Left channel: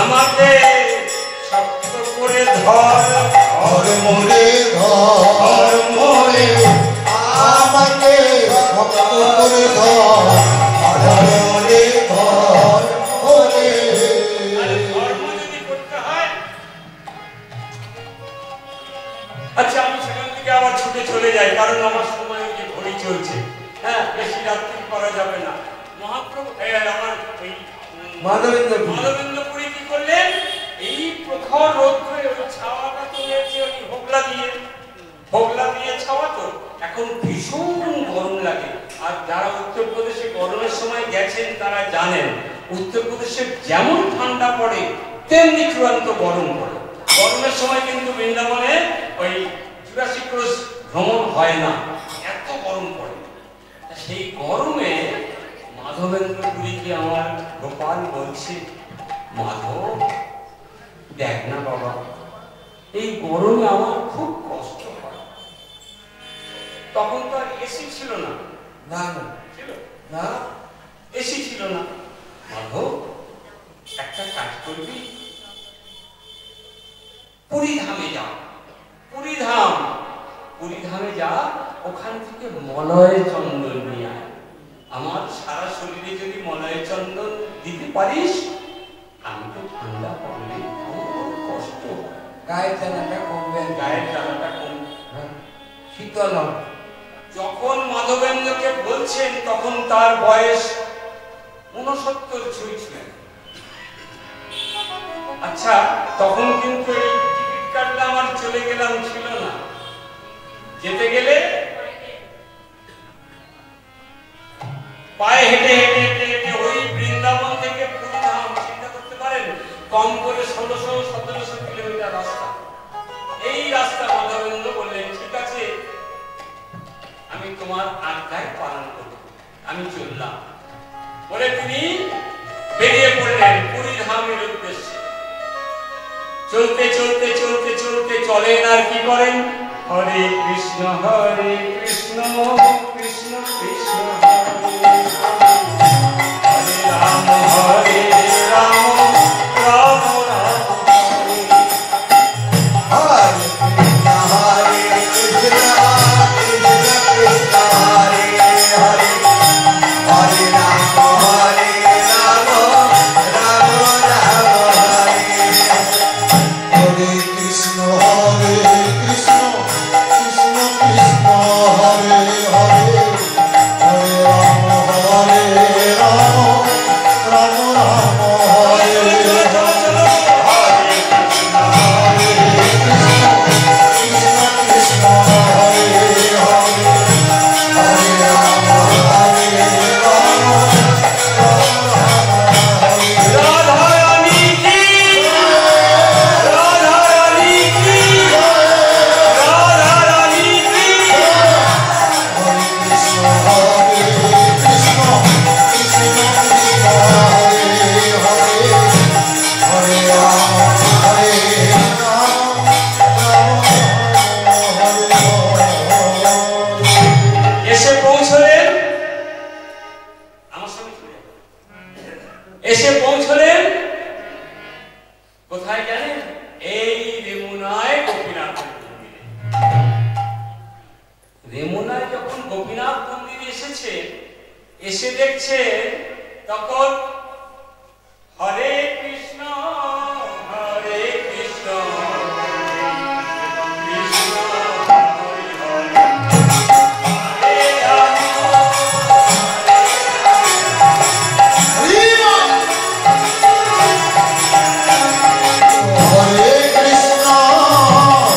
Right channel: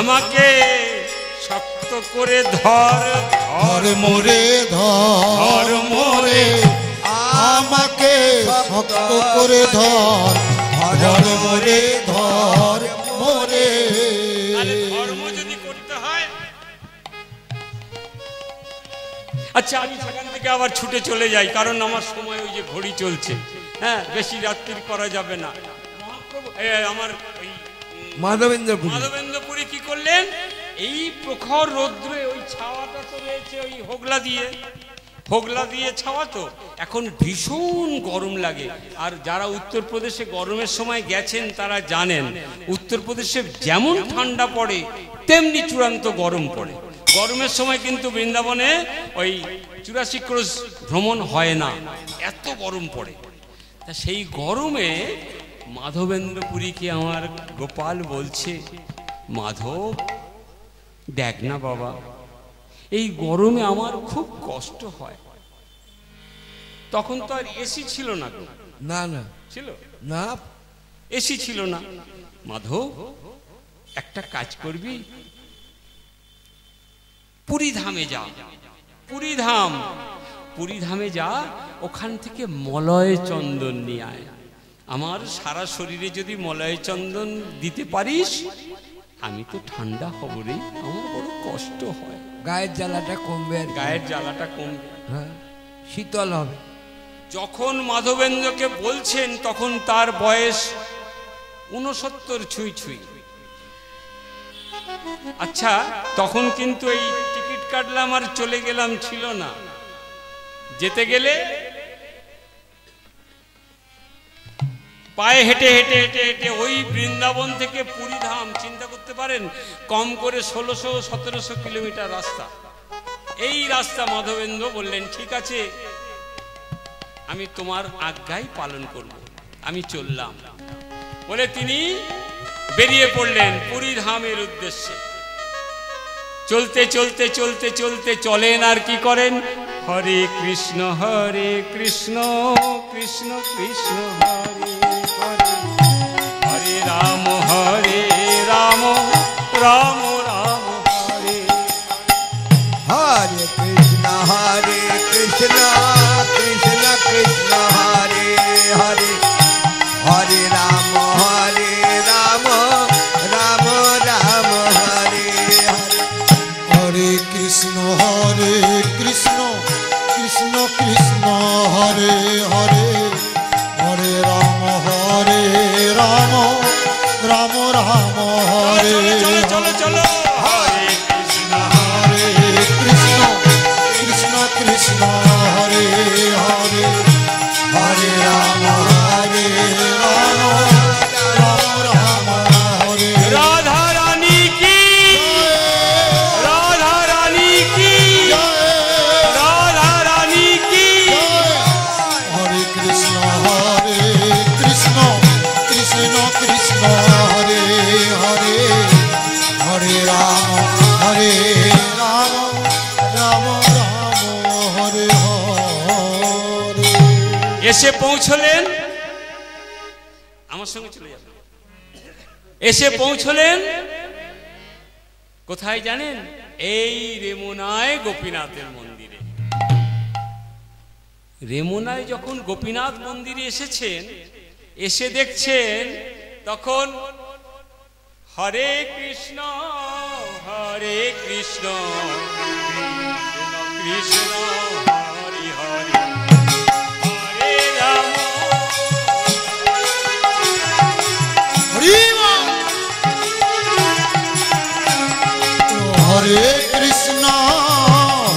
আমাকে শক্ত করে ধর মোরে, ধর মোরে, আমাকে শক্ত করে ধর মোরে, ধর মোরে। ধর্ম যদি করতে হয়, আচ্ছা আমি সেখান থেকে আবার ছুটে চলে যাই, কারণ আমার সময় ওই যে ঘড়ি চলছে। হ্যাঁ, বেশি রাত্রি করা যাবে না। মহাপ্রভু আমার এই মাধবেন্দ্রপুরী কি করলেন, এই প্রখর রৌদ্রে ওই ছাওয়াটা চলে এসে ওই হোগলা দিয়ে ছাওয়া, তো এখন ভীষণ গরম লাগে। আর যারা উত্তরপ্রদেশে গরমের সময় গেছেন তারা জানেন, উত্তরপ্রদেশে যেমন ঠান্ডা পড়ে তেমনি চূড়ান্ত গরম পড়ে। গরমের সময় কিন্তু বৃন্দাবনে ওই 84 ক্রোশ ভ্রমণ হয় না, এত গরম পড়ে। সেই গরমে মাধবেন্দ্রপুরীকে আমার গোপাল বলছে, মাধব দেখ না বাবা, এই গরমে আমার খুব কষ্ট হয়। তখন তো আর এসি ছিল না, না না ছিল না, এসি ছিল না। মাধব একটা কাজ করবি, পুরীধামে যা, পুরীধামে যা, ওখান থেকে মলয় চন্দন নিয়ে আয়। আমার সারা শরীরে যদি মলয় চন্দন দিতে পারিস, আমি তো ঠান্ডা হব রে, আমার বড় কষ্ট হয়, গায়ের জ্বালাটা কমবে, শীতল হবে। যখন মাধবেন্দ্রকে বলছেন তখন তার বয়স 69 ছুঁই। আচ্ছা, তখন কিন্তু এই টিকিট কাটলাম আর চলে গেলাম ছিল না। যেতে গেলে পায়ে হেঁটে ওই বৃন্দাবন থেকে পুরীধাম, চিন্তা করতে পারেন, কম করে 1600-1700 কিলোমিটার রাস্তা। এই রাস্তা মাধবেন্দ্র বললেন, ঠিক আছে আমি তোমার আজ্ঞায় পালন করব, আমি চললাম বলে তিনি বেরিয়ে পড়লেন পুরীধামের উদ্দেশ্যে। চলতে চলেন আর কি করেন, হরে কৃষ্ণ কৃষ্ণ কৃষ্ণ হরে রাম রাম রাম হরে কৃষ্ণ কৃষ্ণ হরে হরে, হরে রাম রাম রাম হরে। হরে কৃষ্ণ কৃষ্ণ কৃষ্ণ হরে হরে, হরে রাম রাম রাম হরে। চলো হরে কৃষ্ণ কৃষ্ণ হরে হরে, হরে রাম রাম হরে। রাধা রানী কি, রাধা রানী কি, রাধা রানী কি। হরে কৃষ্ণ কৃষ্ণ কৃষ্ণ কৃষ্ণ হরে হরে, হরে রাম রাম হরে হরে। এসে পৌঁছলেন, আমার সঙ্গে চলে যাবেন, এসে পৌঁছলেন কোথায় জানেন, এই রেমুনায় গোপীনাথের মন্দিরে। রেমুনায় যখন গোপীনাথ মন্দিরে এসেছে, এসে দেখছেন তখন হরে কৃষ্ণ কৃষ্ণ হরে হরে, হরে রাম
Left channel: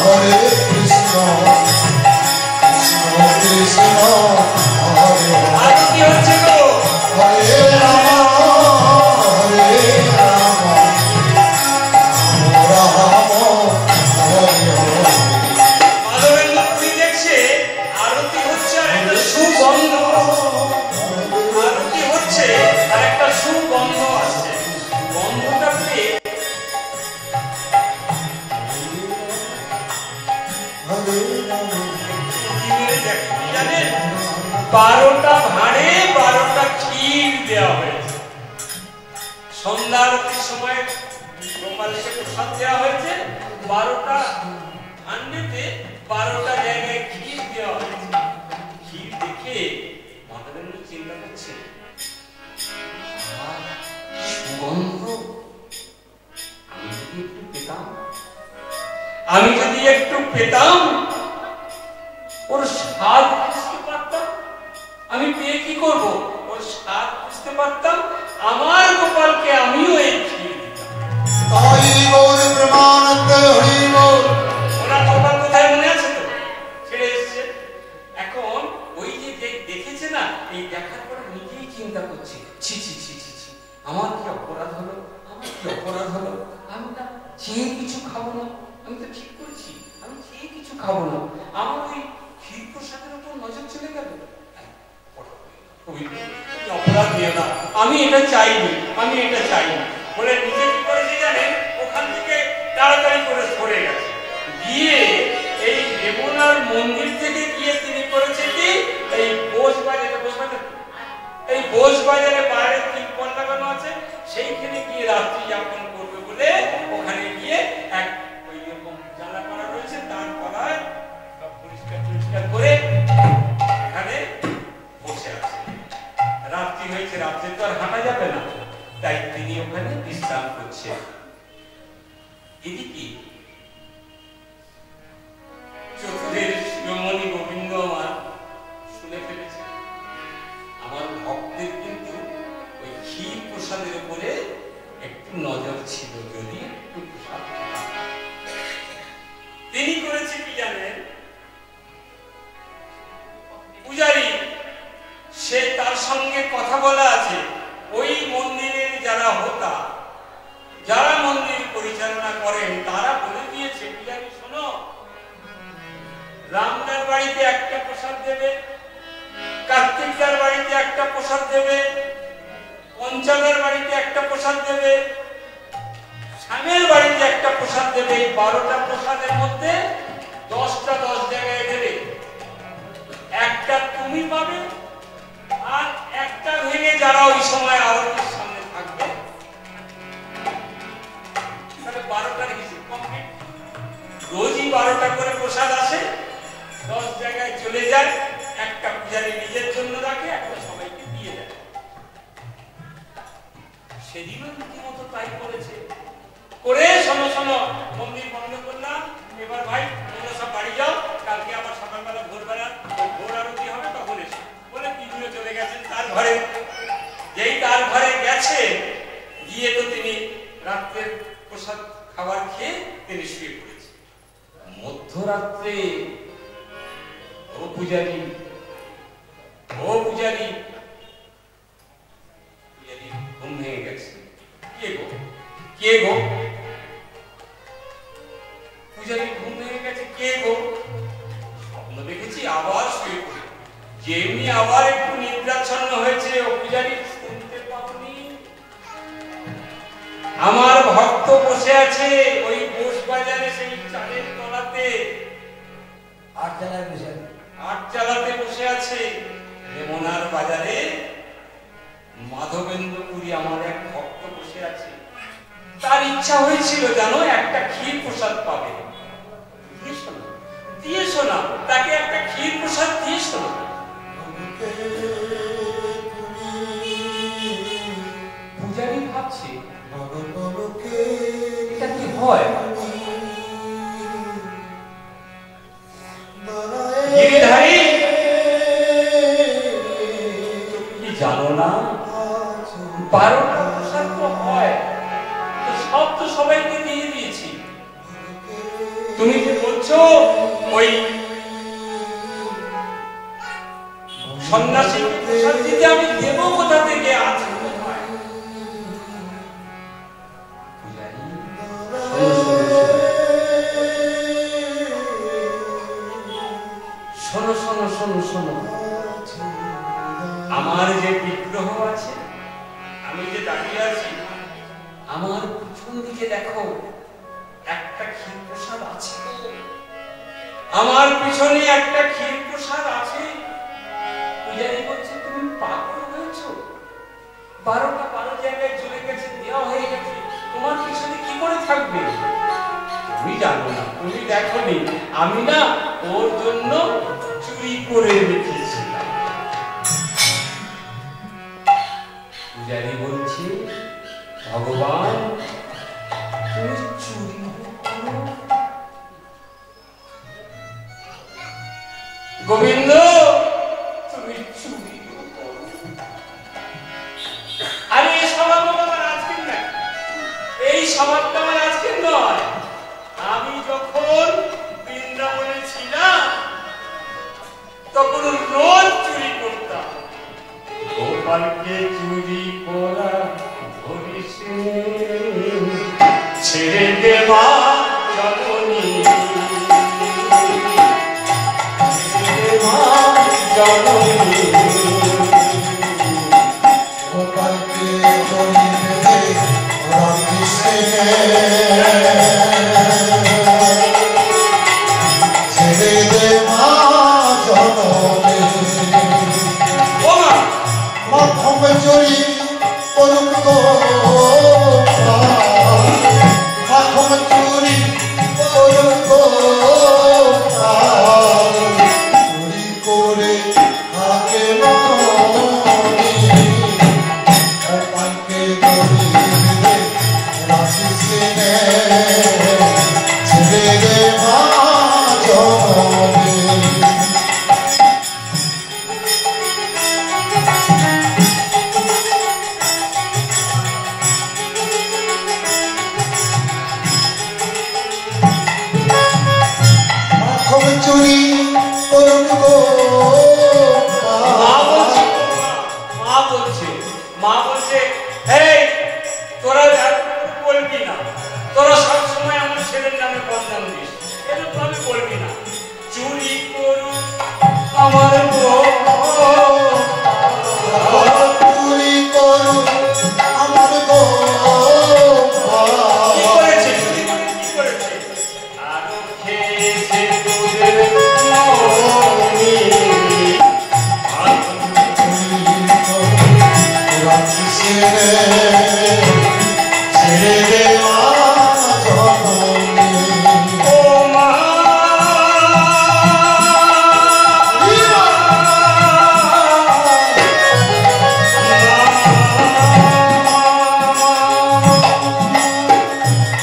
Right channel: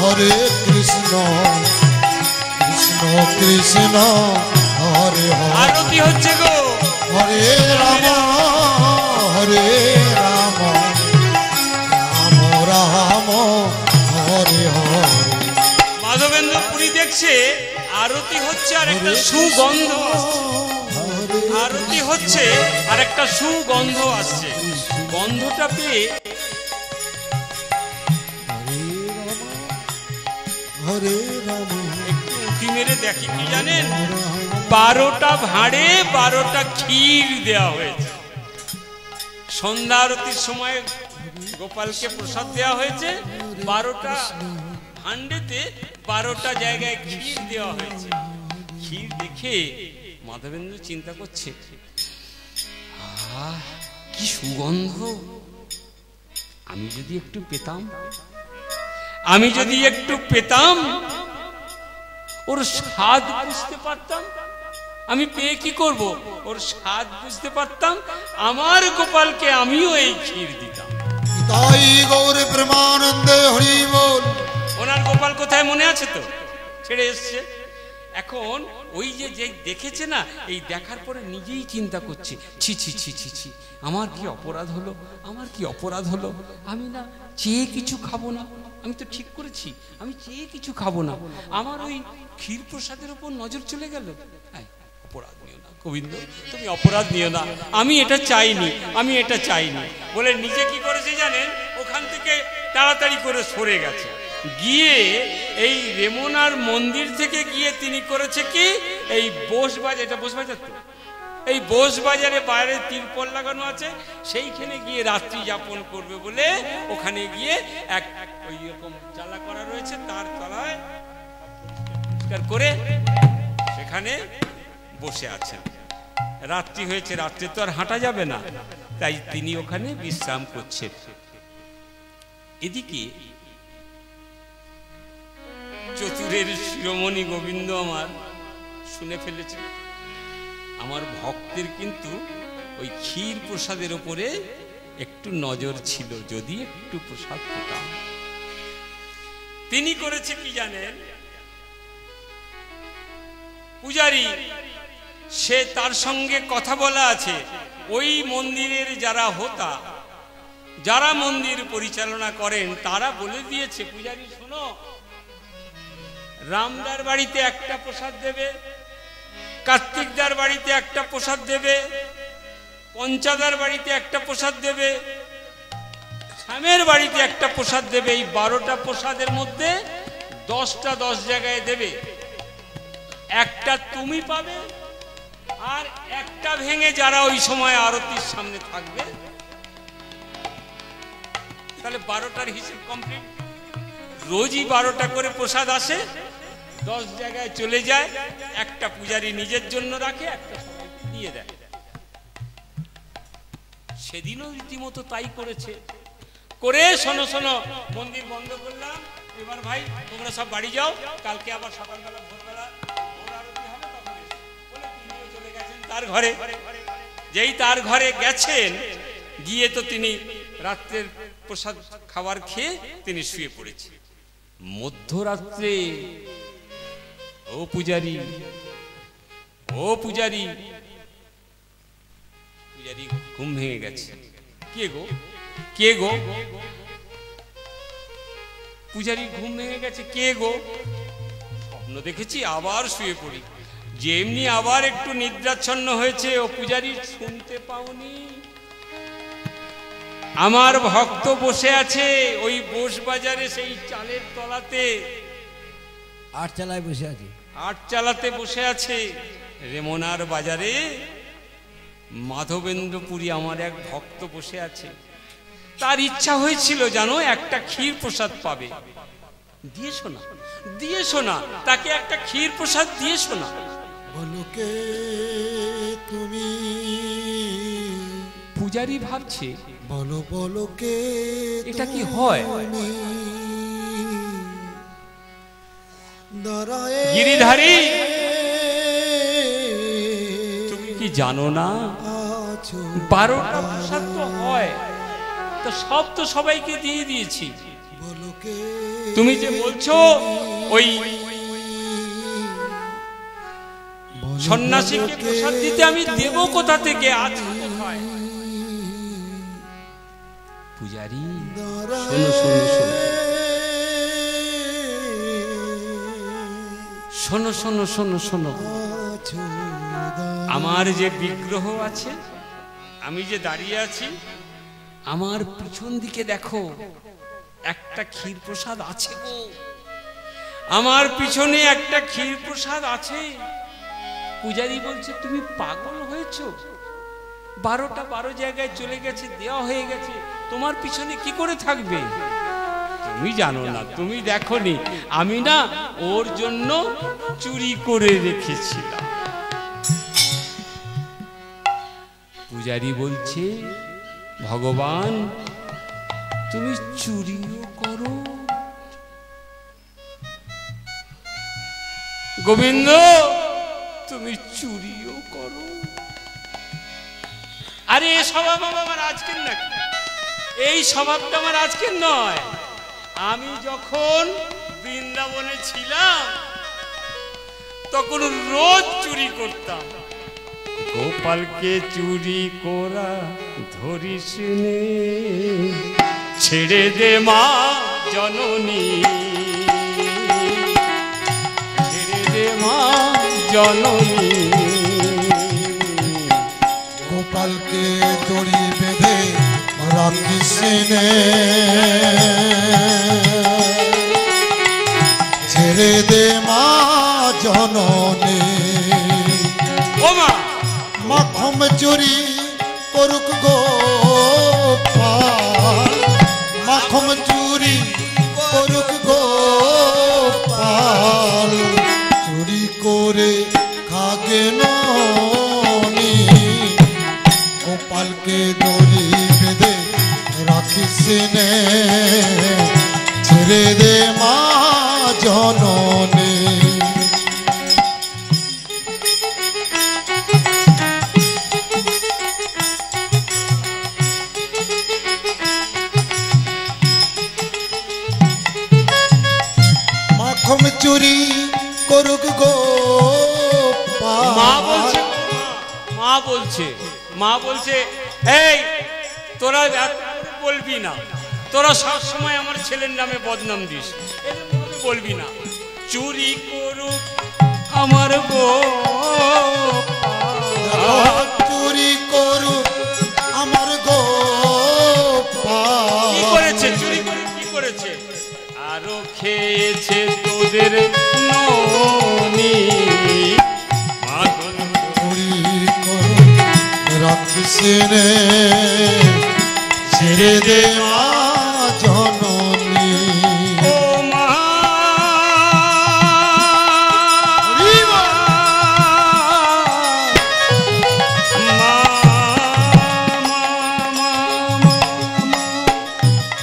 হরে কৃষ্ণ কৃষ্ণ কৃষ্ণ হরে হরে। আর কি হচ্ছে গো, হরে রাম ক্ষীর দেওয়া হয়েছে। সন্ধ্যা আরতির সময় গোপালকে প্রসাদ দেওয়া হয়েছে, 12টা হান্ডিতে 12টা জায়গায় ক্ষীর দেওয়া হয়েছে। ক্ষীর দেখে মাধবেন্দ্র চিন্তা করছে, কি সুগন্ধ, আমি যদি একটু পেতাম, আমি যদি একটু পেতাম, ওর স্বাদ বুঝতে পারতাম। আমি পেয়ে কি করব? ওর স্বাদ বুঝতে পারতাম, আমার গোপালকে আমিও এই ক্ষীর দিতাম। তাই গৌর প্রেমানন্দে হরি বল। ওনার গোপাল কোথায় মনে আছে তো? ছেড়ে এসছে। এখন ওই যে দেখেছে না, এই দেখার পরে নিজেই চিন্তা করছি, ছি ছি ছি ছি ছি, আমার কি অপরাধ হলো, আমার কি অপরাধ হলো, আমি না চেয়ে কিছু খাবো না। আমি তো ঠিক করেছি আমি চেয়ে কিছু খাবো না, আমার ওই ক্ষীর প্রসাদের উপর নজর চলে গেল। অপরাধ নিও না গোবিন্দ, তুমি অপরাধ নিও না, আমি এটা চাইনি, আমি এটা চাইনি বলে নিজে কি করেছে জানেন, ওখান থেকে তাড়াতাড়ি করে সরে গেছে। গিয়ে এই রেমুনার মন্দির থেকে গিয়ে তিনি করেছে কি, এই বোস বাজারে বাইরে তিরপল লাগানো আছে, সেইখানে গিয়ে রাত্রি যাপন করবে বলে ওখানে গিয়ে এক ওই রকম চালা করা রয়েছে, তার তলায় পরিষ্কার করে এখানে বসে আছে। রাত্রি হয়েছে, রাত্রে তো আর হাঁটা যাবে না, তাই তিনি ওখানে বিশ্রাম করছেন। এদিকে চতুরের শিরোমণি গোবিন্দ আমার শুনে ফেলেছে, আমার ভক্তের কিন্তু ওই ক্ষীর প্রসাদের উপরে একটু নজর ছিল, যদি একটু প্রসাদ পেতাম। তিনি করেছে কি জানেন, পূজারী সে তার সঙ্গে কথা বলা আছে, ওই মন্দিরের যারা হোতা, যারা মন্দির পরিচালনা করেন, তারা বলে দিয়েছে, পূজারী শোনো, রামদার বাড়িতে একটা প্রসাদ দেবে, কার্তিকদার বাড়িতে একটা প্রসাদ দেবে, পঞ্চাদার বাড়িতে একটা প্রসাদ দেবে, শ্যামের বাড়িতে একটা প্রসাদ দেবে। এই 12টা প্রসাদের মধ্যে 10টা 10 জায়গায় দেবে, একটা তুমি পাবে, আর একটা ভেঙে যারা ওই সময় আরতির সামনে থাকবে, তাহলে 12টার হিসেব কমপ্লিট। রোজই 12টা করে প্রসাদ আসে, 10 জায়গায় চলে যায়, একটা পূজারী নিজের জন্য রাখে, একটা সবাইকে দিয়ে দেয়। সেদিনও রীতিমতো তাই করেছে। করে শোনো শোনো, মন্দির বন্ধ করলাম, এবার ভাই তোমরা সব বাড়ি যাও, কালকে আবার সকালবেলা ভোরবেলা ভোর আরতি হবে, তখন এসো বলে তিনিও চলে গেছেন তার ঘরে। যেই তার ঘরে গেছে, গিয়ে তো তিনি রাত্রের প্রসাদ খাবার খেয়ে তিনি শুয়ে পড়েছে। মধ্যরাত্রে ও পূজারী, ও পূজারী, পূজারী ঘুম ভেঙে গেছে। কে গো, কে গো? পূজারী ঘুম ভেঙে গেছে, কে গো? স্বপ্ন দেখেছি, আবার শুয়ে পড়ি। যেমনি আবার একটু নিদ্রাচ্ছন্ন হয়েছে, ও পূজারী শুনতে পাওনি? আমার ভক্ত বসে আছে ওই বোস বাজারে, সেই চালের তলাতে, আটচালায় বসে আছে, আটচালাতে বসে আছে। রেমনার বাজারে মাধবেন্দ্রপুরী আমার এক ভক্ত বসে আছে, তার ইচ্ছা হয়েছিল জানো একটা ক্ষীর প্রসাদ পাবে, দিয়ে শোনা, দিয়ে শোনা, তাকে একটা ক্ষীর প্রসাদ দিয়ে শোনা। পূজারী ভাবছে এটা কি হয়? গিরিধারী, তুমি কি জানো না 12টা প্রসাদ তো হয়, তো সব তো সবাইকে দিয়ে দিয়েছি, তুমি যে বলছো ওই সন্ন্যাসীকে প্রসাদ দিতে আমি দেব কোথা থেকে? আছে পূজারী, শোনো শোনো শোনো শোনো, আমার যে বিগ্রহ আছে, আমি যে দাঁড়িয়ে আছি, আমার পিছন দিকে দেখো একটা ক্ষীর প্রসাদ আছে, আমার পিছনে একটা ক্ষীর প্রসাদ আছে। পূজারী বলছে তুমি পাগল হয়েছ করছো? 12 জায়গায় চলে গেছে, দেওয়া হয়ে গেছে, তোমার পিছনে কি করে থাকবে? তুমি জানো না, তুমি দেখোনি, আমি না ওর জন্য চুরি করে রেখেছিলাম। পূজারি বলছে, ভগবান তুমি চুরিও করো, গোবিন্দ তুমি চুরিও করো। আরে এই স্বভাব আমার আজকের না, এই স্বভাবটা আমার আজকের নয়। আমি যখন বৃন্দাবনে ছিলাম তখন রোজ চুরি করতাম। গোপালকে চুরি করা ধরিস, ছেড়ে দে মা জননী, ছেড়ে দে মা জননী। গোপালকে জড়ি বেঁধে রাখিস নে, ছেড়ে দে মা জননী। মাখম চুরি করুক গোপাল, মাখম চুরি করুক গোপাল, চুরি করে থাকে ননি। গোপালকে দড়ি বেঁধে রাখিস নে, ছেড়ে দে মা জননী। চুরি করুক মা বলছে এই তোরা বলবি না, তোরা সব সময় আমার ছেলের নামে বদনাম দিস, এরকম ভাবে বলবি না। চুরি করুক আমার চুরি করুক আমার গোপাল। কি করেছে? চুরি করে কি করেছে? আরো খেয়েছে তোদের ননি। ছেড়ে দে মা জননী। ও মা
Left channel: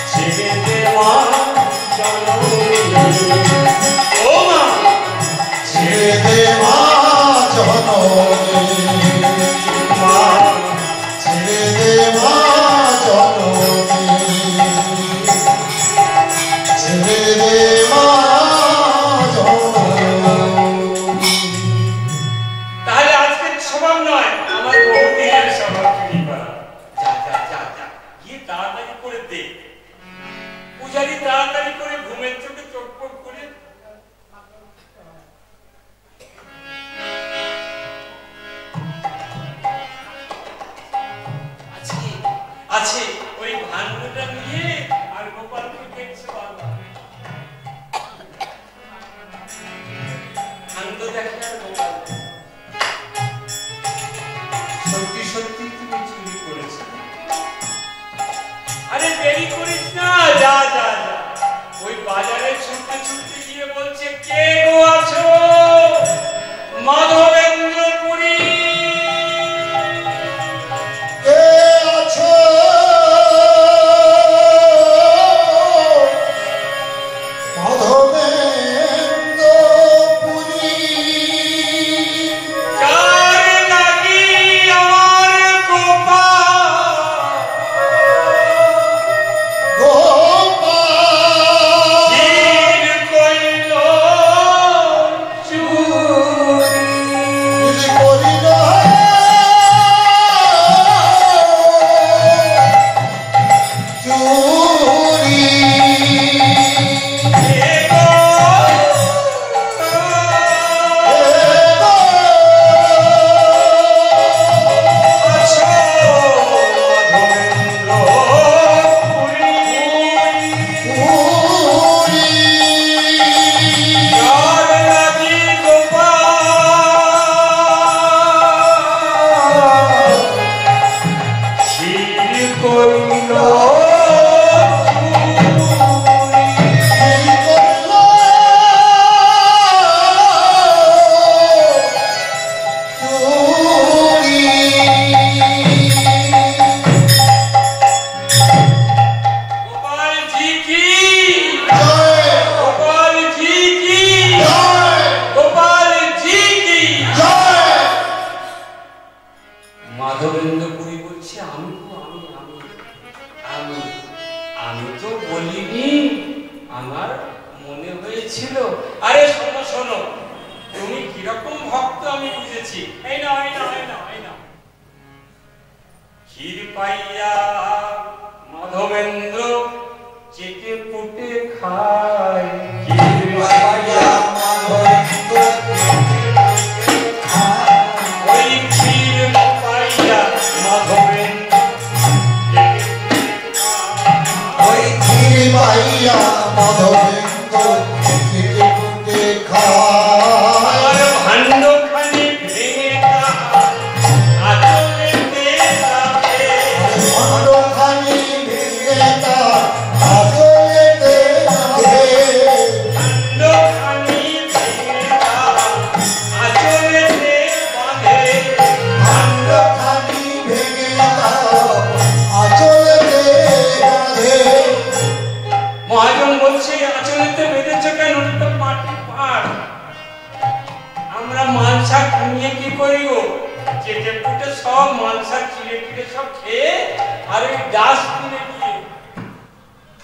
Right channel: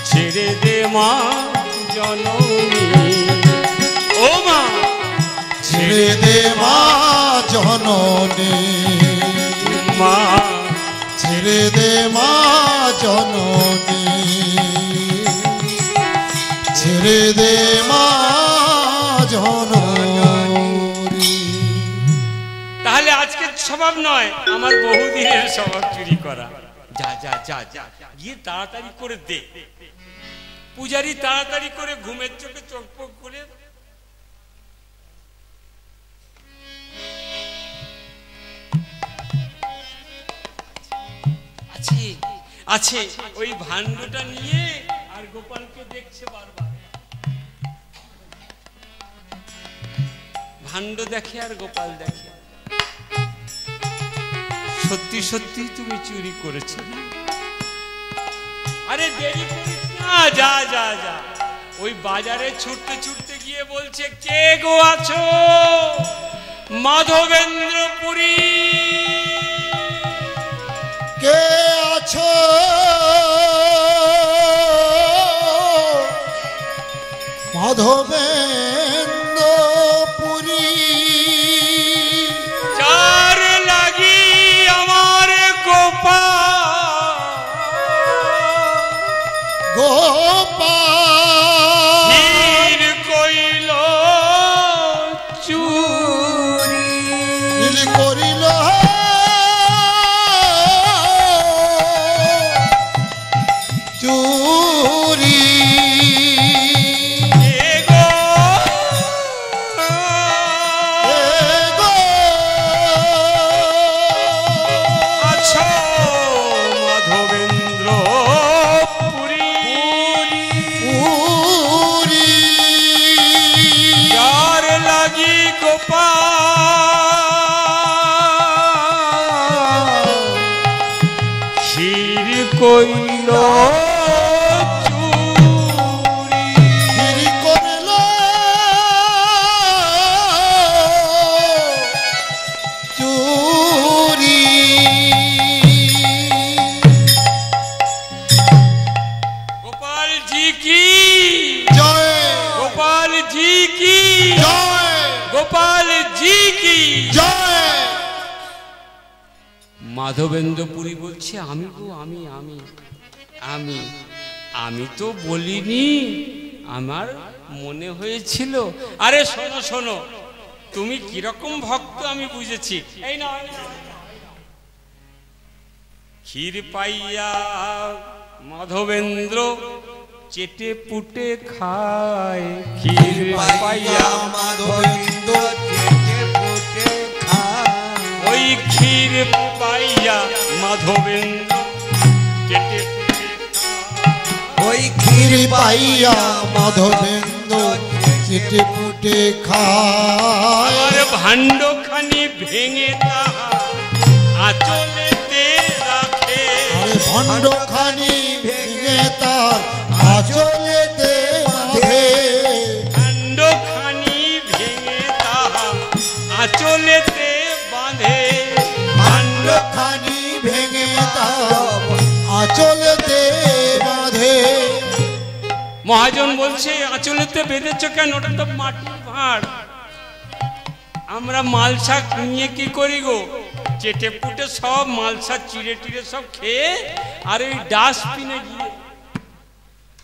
ছেড়ে দে মা জননী। ও মা ছেড়ে দে মা জননী। মা ছেড়ে দে মা জননী। ছেড়ে দে মা জননী। তাহলে আজকের স্বভাব নয়, আমার বহুদিনের স্বভাব চুরি করা। যা যা যা যা গিয়ে তাড়াতাড়ি করে দে। পূজারি তাড়াতাড়ি করে ঘুমের চোখে চকপক করে আছে ওই ভাণ্ডটা নিয়ে, আর গোপালকে দেখছে বারবার। ভাণ্ড দেখে আর গোপাল দেখে। সত্যি সত্যি তুমি চুরি করেছো? আরে দেরি করিস না, যা যা যা। ওই বাজারে ছুটতে ছুটতে গিয়ে বলছে, কে গো আছো? মাধবেন্দ্রপুরী। কে আছো? মাধবেন্দ্রপুরী। যার লাগি আমার গোপাল নীল কইল চুরি। নীল মাধবেন্দ্রপুরী বলছে আমি তো আমি আমি আমি আমি তো বলিনি, আমার মনে হয়েছিল। আরে শোনো শোনো, তুমি কিরকম ভক্ত আমি বুঝেছি। এই না এই না এই না এই না, ক্ষীর পাইয়া মাধবেন্দ্র চেটে পুটে খায়, ক্ষীর পাইয়া মাধবেন্দ্র ওই ক্ষীর পাইয়া মাধবেন্দ্র চেটে পুটে খায়, ওই ক্ষীর পাইয়া মাধবেন্দ্র চেটে পুটে খায়। আর ভাণ্ডখানি ভেঙে আচলেতে রাখে, খণ্ডখানি ভেঙে তার আঁচলেতে রাখে। ভাণ্ডখানি ভেঙে আচলেতে বাঁধে, খণ্ডখানি ভেঙে তার আঁচলেতে বাঁধে। মহাজন বলছে আঁচলেতে বেঁধেছ কেন? ওটা তো মাটির ভাঁড়, আমরা মালসা নিয়ে কি করি গো? চেটে পুটে সব মালসা চিড়ে টিড়ে সব খেয়ে আর ওই ডাস্টবিনে দিয়ে